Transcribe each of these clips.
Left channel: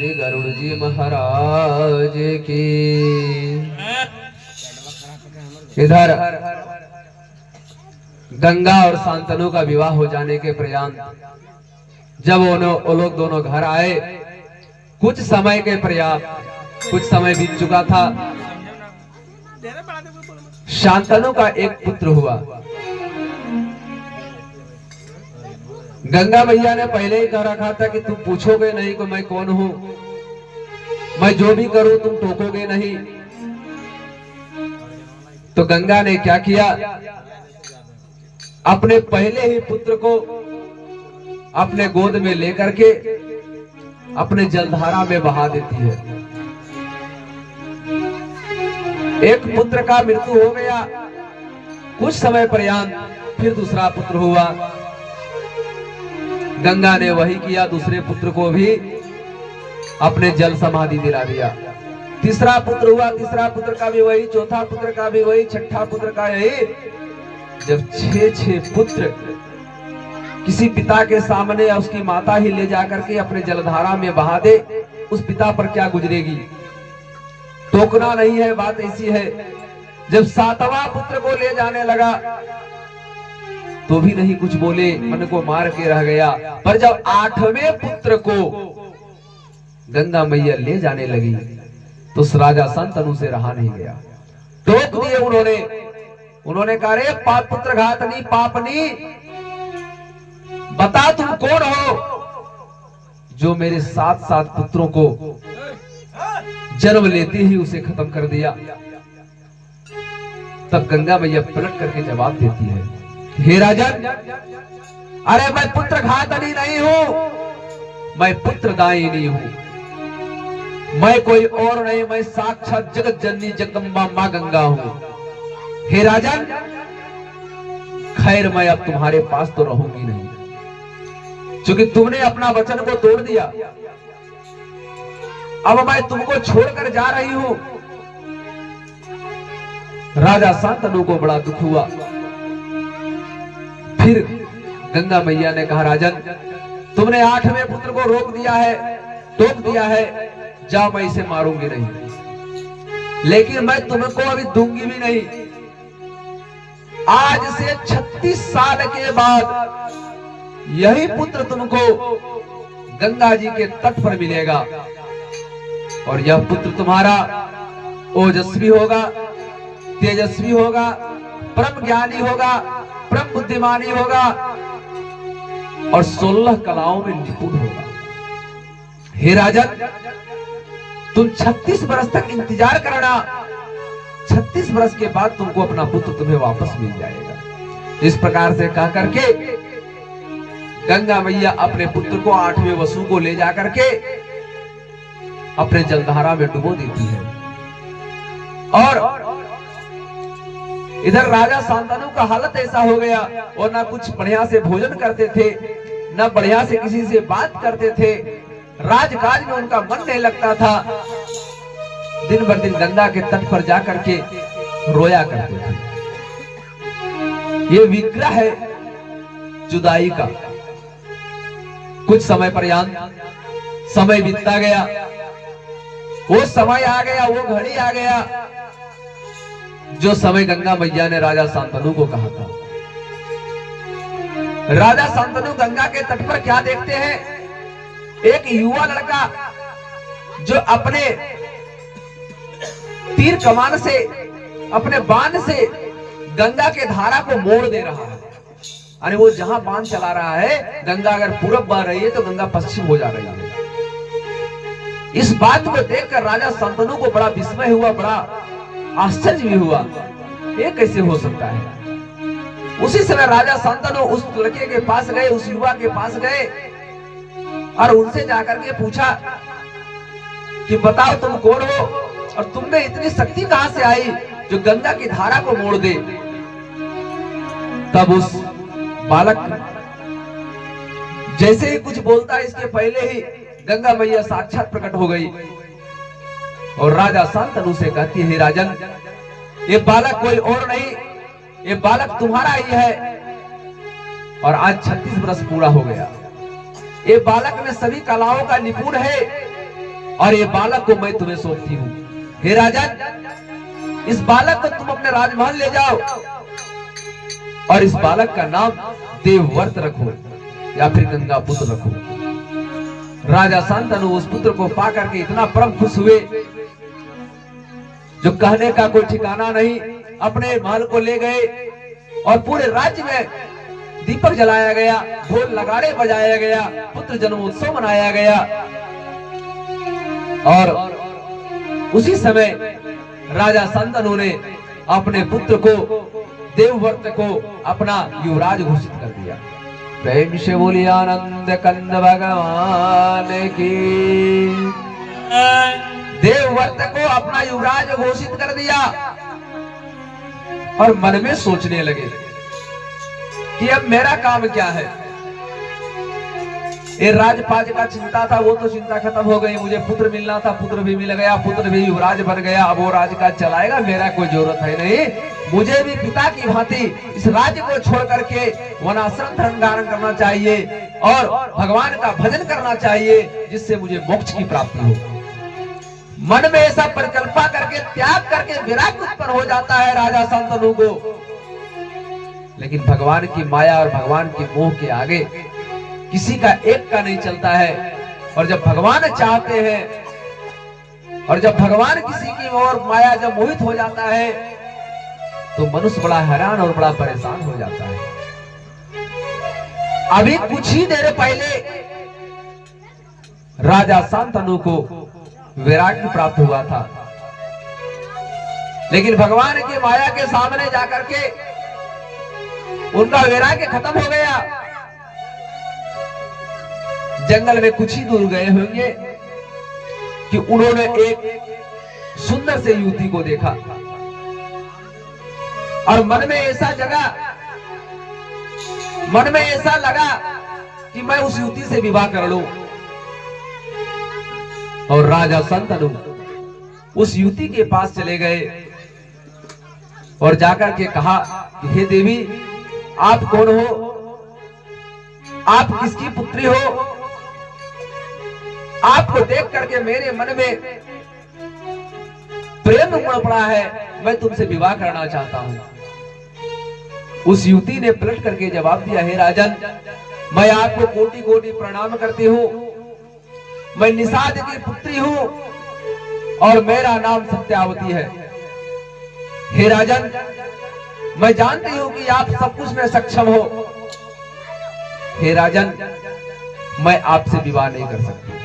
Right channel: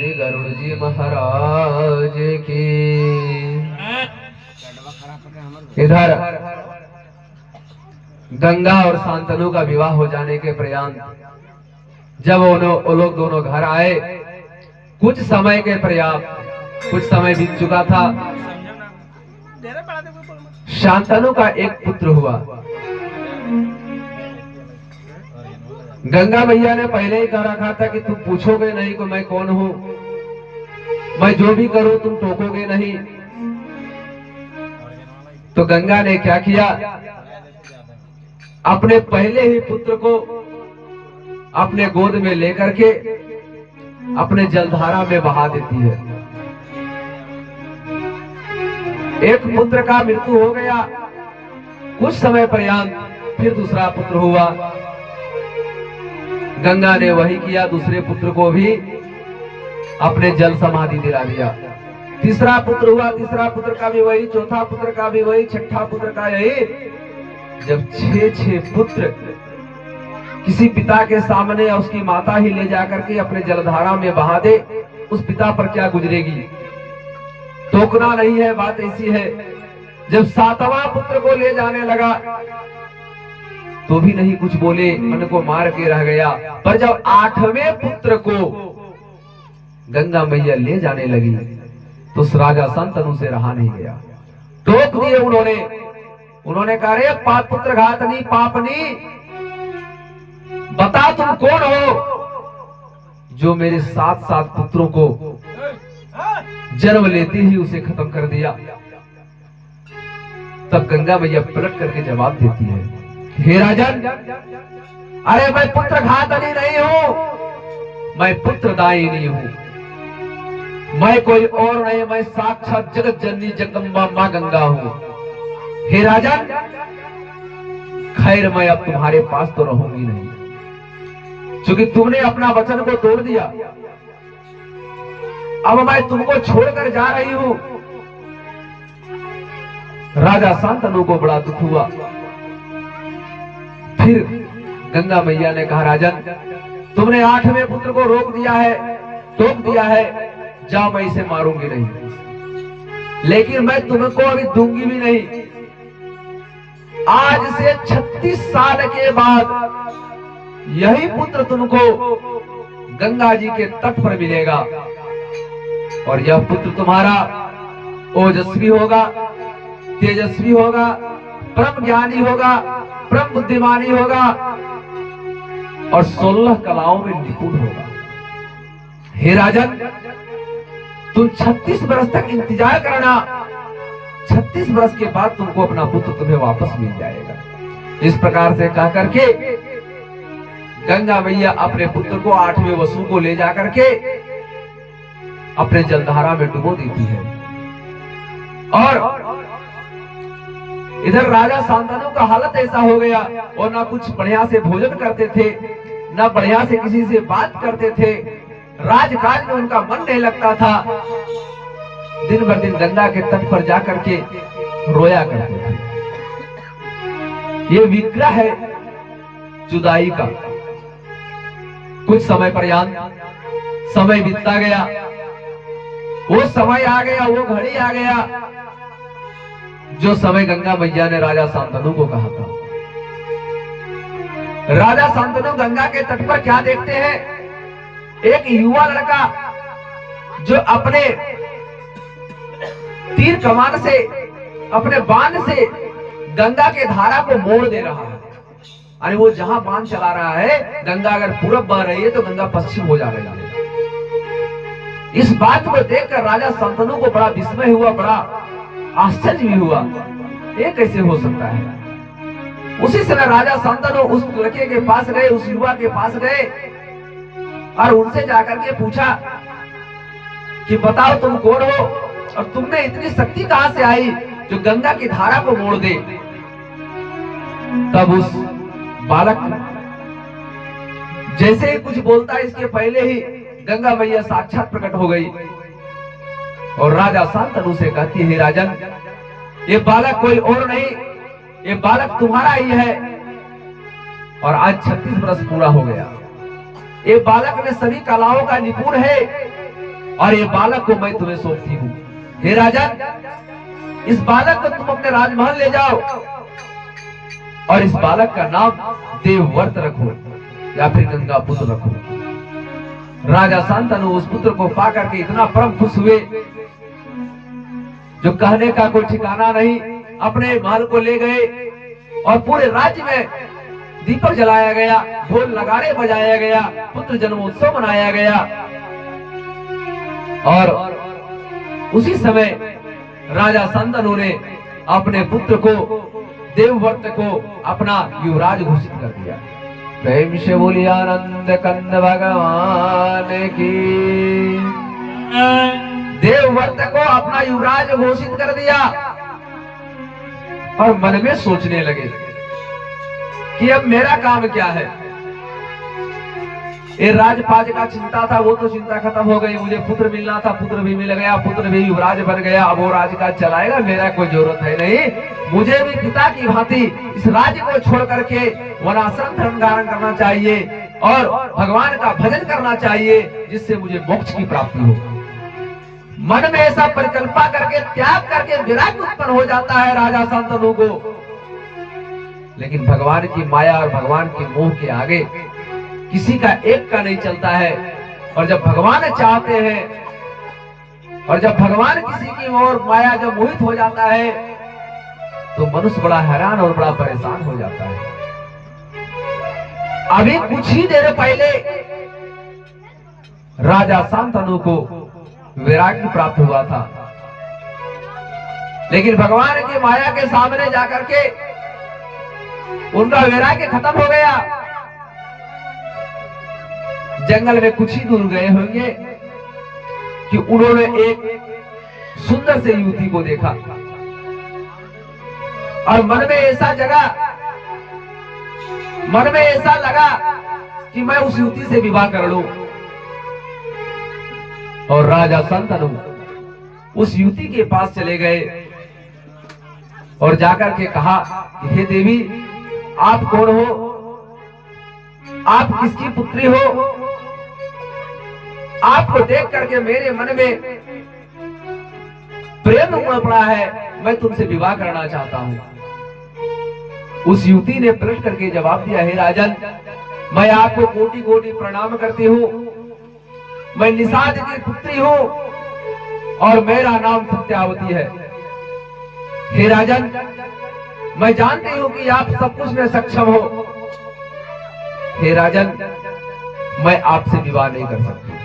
श्री गरुड़ जी महाराज की। इधर गंगा और शांतनु का विवाह हो जाने के पर्यंत जब वो लोग दोनों घर आए, कुछ समय के पर्याप्त कुछ समय बीत चुका था। शांतनु का एक पुत्र हुआ। गंगा मैया ने पहले ही कह रखा था कि तुम पूछोगे नहीं कि मैं कौन हूं, मैं जो भी करूं तुम टोकोगे नहीं। तो गंगा ने क्या किया, अपने पहले ही पुत्र को अपने गोद में लेकर के अपने जलधारा में बहा देती है। एक पुत्र का मृत्यु हो गया, कुछ समय पर्यंत फिर दूसरा पुत्र हुआ। गंगा ने वही किया, दूसरे पुत्र को भी अपने जल समाधि दिला दिया। तीसरा पुत्र हुआ, तीसरा पुत्र का भी वही, चौथा पुत्र का भी वही, छठा पुत्र का यही। जब 6 पुत्र किसी पिता के सामने या उसकी माता ही ले जाकर के अपने जलधारा में बहा दे, उस पिता पर क्या गुजरेगी। टोकना नहीं है, बात ऐसी है। जब 7वां पुत्र को ले जाने लगा तो भी नहीं कुछ बोले, मन को मार के रह गया। पर जब 8वें पुत्र को गंगा मैया ले जाने लगी तो उस राजा शांतनु से रहा नहीं गया, टोक दिए उन्होंने कहा, रे पाप पुत्र घातनी पापनी, बता तुम कौन हो जो मेरे 7 पुत्रों को जन्म लेते ही उसे खत्म कर दिया। तब गंगा मैया पलट करके जवाब देती है, हे राजन, अरे मैं पुत्र घातनी नहीं हूं, मैं पुत्र दायिनी हूं। मैं कोई और नहीं, मैं साक्षात जगत जननी जगदम्बा मां गंगा हूं। हे राजन, खैर मैं अब तुम्हारे पास तो रहूंगी नहीं, क्योंकि तुमने अपना वचन को तोड़ दिया। अब मैं तुमको छोड़कर जा रही हूं। राजा शांतनु को बड़ा दुख हुआ। फिर गंगा मैया ने कहा, राजन, तुमने 8वें पुत्र को रोक दिया है, टोक दिया है, जाओ, मैं इसे मारूंगी नहीं, लेकिन मैं तुमको अभी दूंगी भी नहीं। आज से 36 साल के बाद यही पुत्र तुमको गंगा जी के तट पर मिलेगा, और यह पुत्र तुम्हारा ओजस्वी होगा, तेजस्वी होगा, परम ज्ञानी होगा, परम बुद्धिमानी होगा, और 16 कलाओं में निपुण होगा। हे राजन, तुम 36 वर्ष तक इंतजार करना, 36 वर्ष के बाद तुमको अपना पुत्र तुम्हें वापस मिल जाएगा। इस प्रकार से कह करके गंगा मैया अपने पुत्र को 8वें वसु को ले जाकर के अपने जलधारा में डुबो देती है। और इधर राजा शांतनु का हालत ऐसा हो गया, और ना कुछ बढ़िया से भोजन करते थे, ना बढ़िया से किसी से बात करते थे, राजकाज में उनका मन नहीं लगता था। दिन भर दिन गंगा के तट पर जाकर के रोया करते थे। ये विग्रह है जुदाई का। कुछ समय पर्यंत समय बीतता गया, वो समय आ गया, वो घड़ी आ गया जो समय गंगा मैया ने राजा शांतनु को कहा था। राजा शांतनु गंगा के तट पर क्या देखते हैं, एक युवा लड़का जो अपने तीर कमान से, अपने बाण से गंगा के धारा को मोड़ दे रहा है। अरे वो जहां बाण चला रहा है, गंगा अगर पूरब बह रही है तो गंगा पश्चिम हो जा रही है। इस बात को देखकर राजा शांतनु को बड़ा विस्मय हुआ, बड़ा आश्चर्य भी हुआ, ये कैसे हो सकता है। उसी समय राजा शांतनु उस लड़के के पास गए, उस युवा के पास गए, और उनसे जाकर के पूछा कि बताओ तुम कौन हो, और तुमने इतनी शक्ति कहां से आई जो गंगा की धारा को मोड़ दे। तब उस बालक जैसे ही कुछ बोलता है, इसके पहले ही गंगा मैया साक्षात प्रकट हो गई और राजा शांतनु से कहती है, राजन, ये बालक कोई और नहीं, ये बालक तुम्हारा ही है, और आज 36 वर्ष पूरा हो गया। ये बालक में सभी कलाओं का निपुण है, और ये बालक को मैं तुम्हें सौंपती हूँ। हे राजन, इस बालक को तुम अपने राजमहल ले जाओ और इस बालक का नाम देवव्रत रखो या फिर गंगा पुत्र रखो। राजा शांतनु उस पुत्र को पा करके इतना परम खुश हुए, जो कहने का कोई ठिकाना नहीं। अपने महल को ले गए और पूरे राज्य में दीपक जलाया गया, ढोल नगाड़े बजाया गया, पुत्र जन्मोत्सव मनाया गया। और उसी समय राजा शांतनु ने अपने पुत्र को, देवव्रत को अपना युवराज घोषित कर दिया। प्रेम से बोलिए आनंद कंद भगवान की। देवव्रत को अपना युवराज घोषित कर दिया और मन में सोचने लगे कि अब मेरा काम क्या है। ये राजपाज का चिंता था, वो तो चिंता खत्म हो गई। मुझे पुत्र मिलना था, पुत्र भी मिल गया, पुत्र भी युवराज बन गया। अब वो राजकाज चलाएगा, मेरा कोई जरूरत है नहीं। मुझे भी पिता की भांति इस राज्य को छोड़ करके वनाश्रम धर्म धारण करना चाहिए और भगवान का भजन करना चाहिए, जिससे मुझे मोक्ष की प्राप्ति हो। मन में ऐसा परिकल्पना करके, त्याग करके विराग उत्पन्न हो जाता है राजा शांतनु को। लेकिन भगवान की माया और भगवान के मोह के आगे किसी का एक का नहीं चलता है। और जब भगवान चाहते हैं और जब भगवान किसी की ओर माया जब मोहित हो जाता है तो मनुष्य बड़ा हैरान और बड़ा परेशान हो जाता है। अभी कुछ ही देर पहले राजा शांतनु को वैराग्य प्राप्त हुआ था, लेकिन भगवान की माया के सामने जाकर के उनका वैराग्य खत्म हो गया। जंगल में कुछ ही दूर गए होंगे कि उन्होंने एक सुंदर से युवती को देखा और मन में ऐसा लगा कि मैं उस युवती से विवाह कर लूं। और राजा शांतनु उस युवती के पास चले गए और जाकर के कहा कि हे देवी, आप कौन हो? आप किसकी पुत्री हो? आपको देख करके मेरे मन में प्रेम उमड़ पड़ा है, मैं तुमसे विवाह करना चाहता हूं। उस युवती ने पलट करके जवाब दिया, हे राजन, मैं आपको कोटि कोटि प्रणाम करती हूँ। मैं निषाद की पुत्री हूँ और मेरा नाम सत्यावती है। हे राजन, मैं जानती हूँ कि आप सब कुछ में सक्षम हो। हे राजन, मैं आपसे विवाह नहीं कर सकती।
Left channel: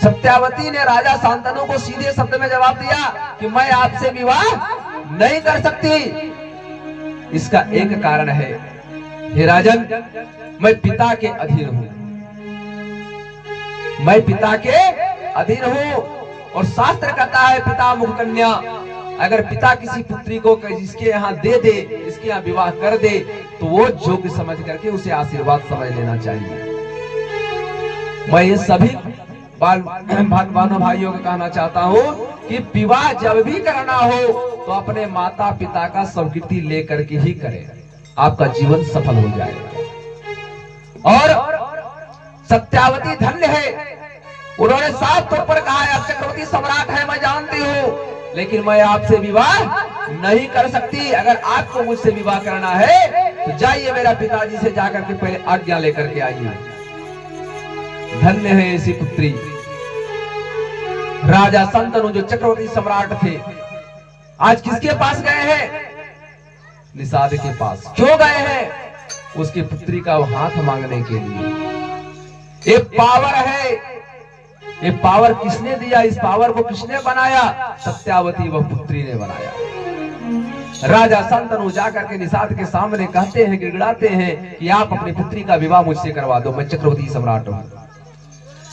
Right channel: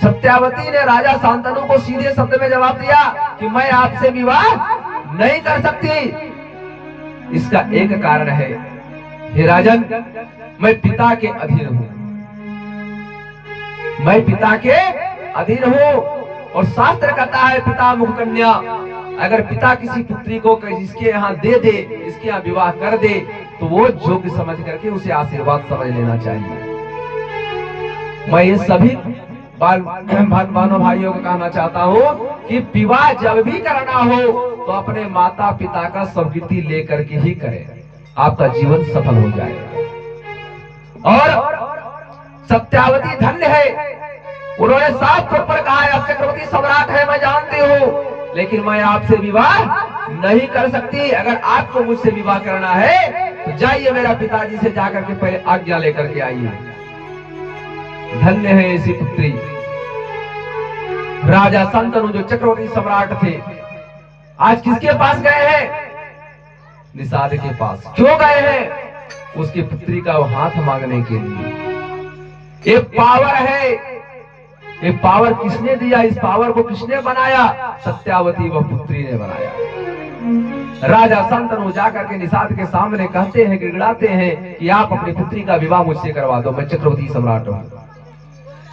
सत्यावती ने राजा शांतनु को सीधे शब्द में जवाब दिया कि मैं आपसे विवाह नहीं कर सकती। इसका एक कारण है, हे राजन, मैं पिता के अधीन हूं। मैं पिता के अधीन हूं और शास्त्र कहता है पिता मुख कन्या। अगर पिता किसी पुत्री को जिसके यहाँ दे दे, इसके यहाँ विवाह कर दे, तो वो योग्य समझ करके उसे आशीर्वाद समझ लेना चाहिए। मैं ये सभी भाइयों भाइयों को कहना चाहता हूँ कि विवाह जब भी करना हो तो अपने माता पिता का स्वीकृति लेकर के ही करें, आपका जीवन सफल हो जाएगा। और सत्यावती धन्य है, उन्होंने साफ तौर पर कहा, आप चक्रवर्ती सम्राट है, मैं जानती हूँ, लेकिन मैं आपसे विवाह नहीं कर सकती। अगर आपको मुझसे विवाह करना है तो जाइए मेरा पिताजी से जाकर के पहले आज्ञा लेकर के आइए। धन्य है ऐसी पुत्री। राजा शांतनु जो चक्रवर्ती सम्राट थे, आज किसके पास गए हैं? निषाद के पास। क्यों गए हैं? उसकी पुत्री का वो हाथ मांगने के लिए। ये पावर है, ये पावर किसने दिया? इस पावर को किसने बनाया? सत्यावती वह पुत्री ने बनाया। राजा शांतनु जाकर के निषाद के सामने कहते हैं, गिड़गिड़ाते हैं कि आप अपनी पुत्री का विवाह मुझसे करवा दो, मैं चक्रवर्ती सम्राट हूं।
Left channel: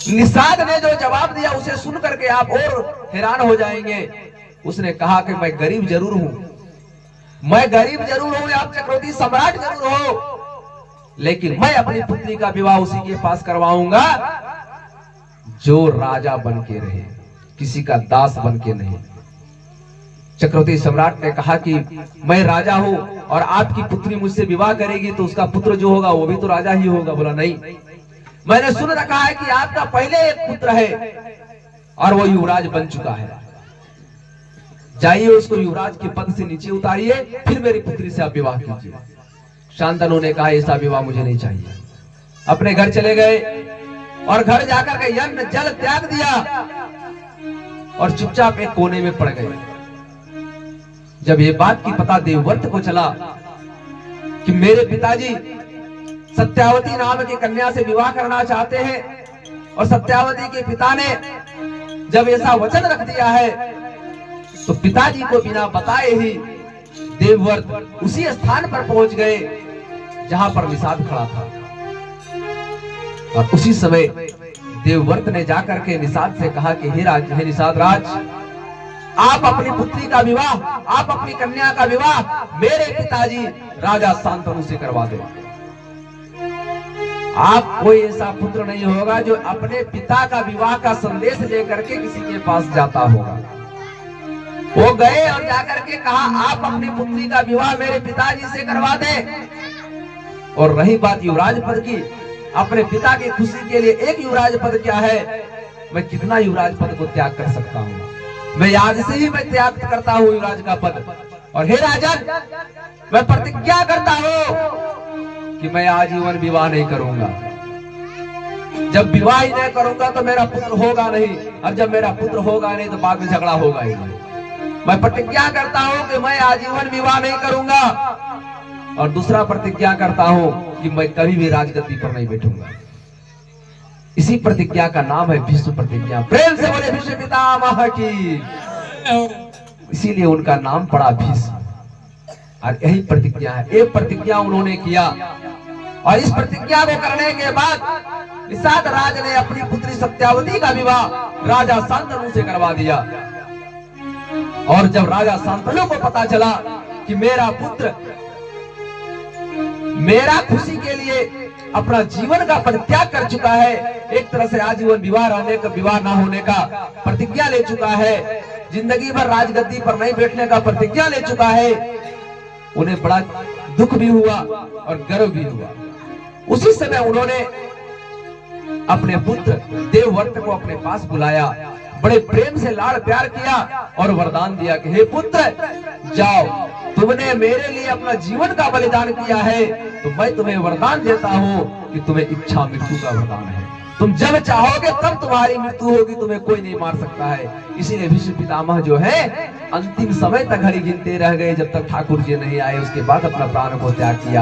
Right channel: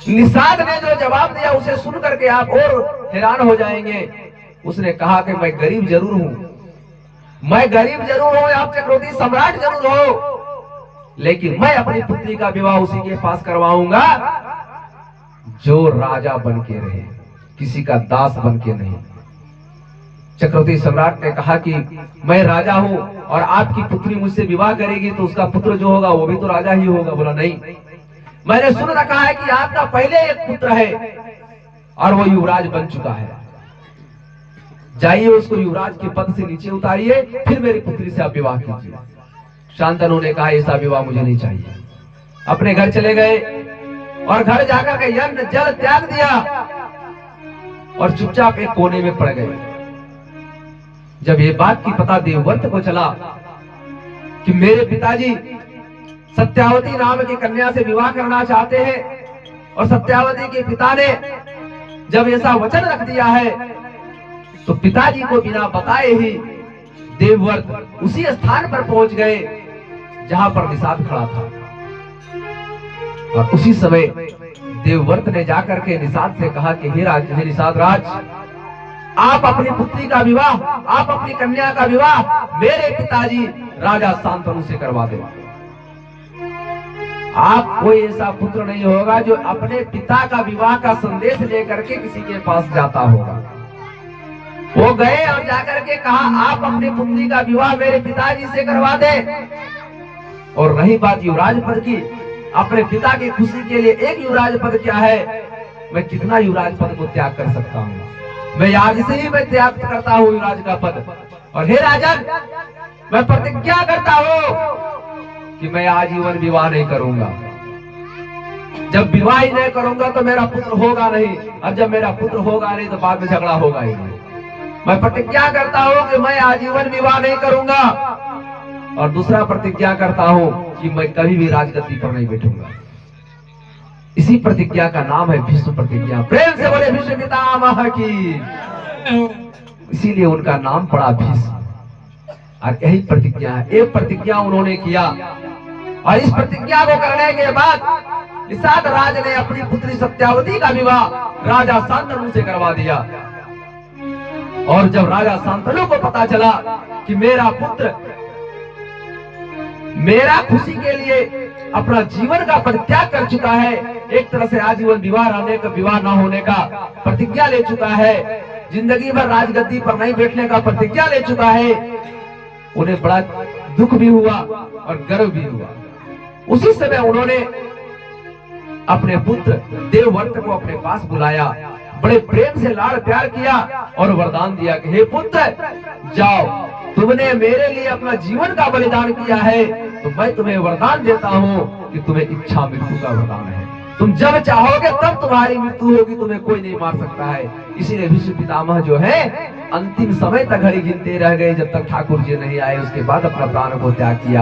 निषाद ने जो जवाब दिया उसे सुन करके आप और हैरान हो जाएंगे। उसने कहा कि मैं गरीब जरूर हूं, मैं गरीब जरूर हूं, आप चक्रवर्ती सम्राट जरूर हो, लेकिन मैं अपनी पुत्री का विवाह उसी के पास करवाऊंगा जो राजा बन के रहे, किसी का दास बन के नहीं। चक्रवर्ती सम्राट ने कहा कि मैं राजा हूं और आपकी पुत्री मुझसे विवाह करेगी तो उसका पुत्र जो होगा वो भी तो राजा ही होगा। बोला नहीं, मैंने सुन रखा है कि आपका पहले एक पुत्र है और वो युवराज बन चुका है। जाइए उसको युवराज के पद से नीचे उतारिए, फिर मेरी पुत्री से आप विवाह कीजिए। शांतनु ने कहा ऐसा विवाह मुझे नहीं चाहिए। अपने घर चले गए और घर जाकर के यज्ञ जल त्याग दिया और चुपचाप एक कोने में पड़ गए। जब ये बात की पता देवव्रत को चला कि मेरे पिताजी सत्यावती नाम की कन्या से विवाह करना चाहते हैं और सत्यावती के पिता ने जब ऐसा वचन रख दिया है, तो पिताजी को बिना बताए ही देवव्रत उसी स्थान पर पहुंच गए जहां पर निषाद खड़ा था। और उसी समय देवव्रत ने जाकर के निषाद से कहा कि हे निषाद राज, आप अपनी पुत्री का विवाह, आप अपनी कन्या का विवाह मेरे पिताजी राजा शांतनु से करवा दो। आप कोई ऐसा पुत्र नहीं होगा जो अपने पिता का विवाह का संदेश लेकर के किसी के पास जाता होगा। वो गए और जाकर के कहा आप अपनी पुत्री का विवाह मेरे पिताजी से करवा दे। और रही बात युवराज पद की, अपने पिता की खुशी के लिए एक युवराज पद क्या है, मैं कितना युवराज पद को त्याग कर सकता हूँ। मैं आज से ही मैं त्याग करता हूँ युवराज का पद। और हे राजन, मैं प्रतिज्ञा करता हूँ कि मैं आजीवन विवाह नहीं करूंगा। जब विवाह ही नहीं करूंगा तो मेरा पुत्र होगा नहीं, और जब मेरा पुत्र होगा नहीं तो बाद में झगड़ा होगा ही नहीं। मैं प्रतिज्ञा करता हूँ कि मैं आजीवन विवाह नहीं करूंगा। और दूसरा प्रतिज्ञा करता हूँ कि मैं कभी भी राजगद्दी पर नहीं बैठूंगा। इसी प्रतिज्ञा का नाम है भीष्म प्रतिज्ञा। प्रेम से बोले भीष्म पितामह की। इसीलिए उनका नाम पड़ा भीष्म। और यही प्रतिज्ञा है, एक प्रतिज्ञा उन्होंने किया। और इस प्रतिज्ञा को करने के बाद निषाद राज ने अपनी पुत्री सत्यावती का विवाह राजा शांतनु से करवा दिया। और जब राजा शांतनु को पता चला कि मेरा पुत्र मेरा खुशी के लिए अपना जीवन का परित्याग कर चुका है, एक तरह से आजीवन विवाह रहने का, विवाह न होने का प्रतिज्ञा ले चुका है, जिंदगी भर राजगद्दी पर नहीं बैठने का प्रतिज्ञा ले चुका है, उन्हें बड़ा दुख भी हुआ और गर्व भी हुआ। उसी समय उन्होंने अपने पुत्र देवव्रत को अपने पास बुलाया, बड़े प्रेम से लाड़ प्यार किया और वरदान दिया कि हे पुत्र, जाओ, तुमने मेरे लिए अपना जीवन का बलिदान किया है, तो मैं तुम्हें वरदान देता हूँ कि तुम्हें इच्छा मृत्यु का वरदान है। तुम जब चाहोगे तब तुम्हारी मृत्यु होगी, तुम्हें कोई नहीं मार सकता है। इसीलिए भीष्म पितामह जो है अंतिम समय तक घड़ी गिनते रह गए, जब तक ठाकुर जी नहीं आए, उसके बाद अपना प्राण को त्याग किया।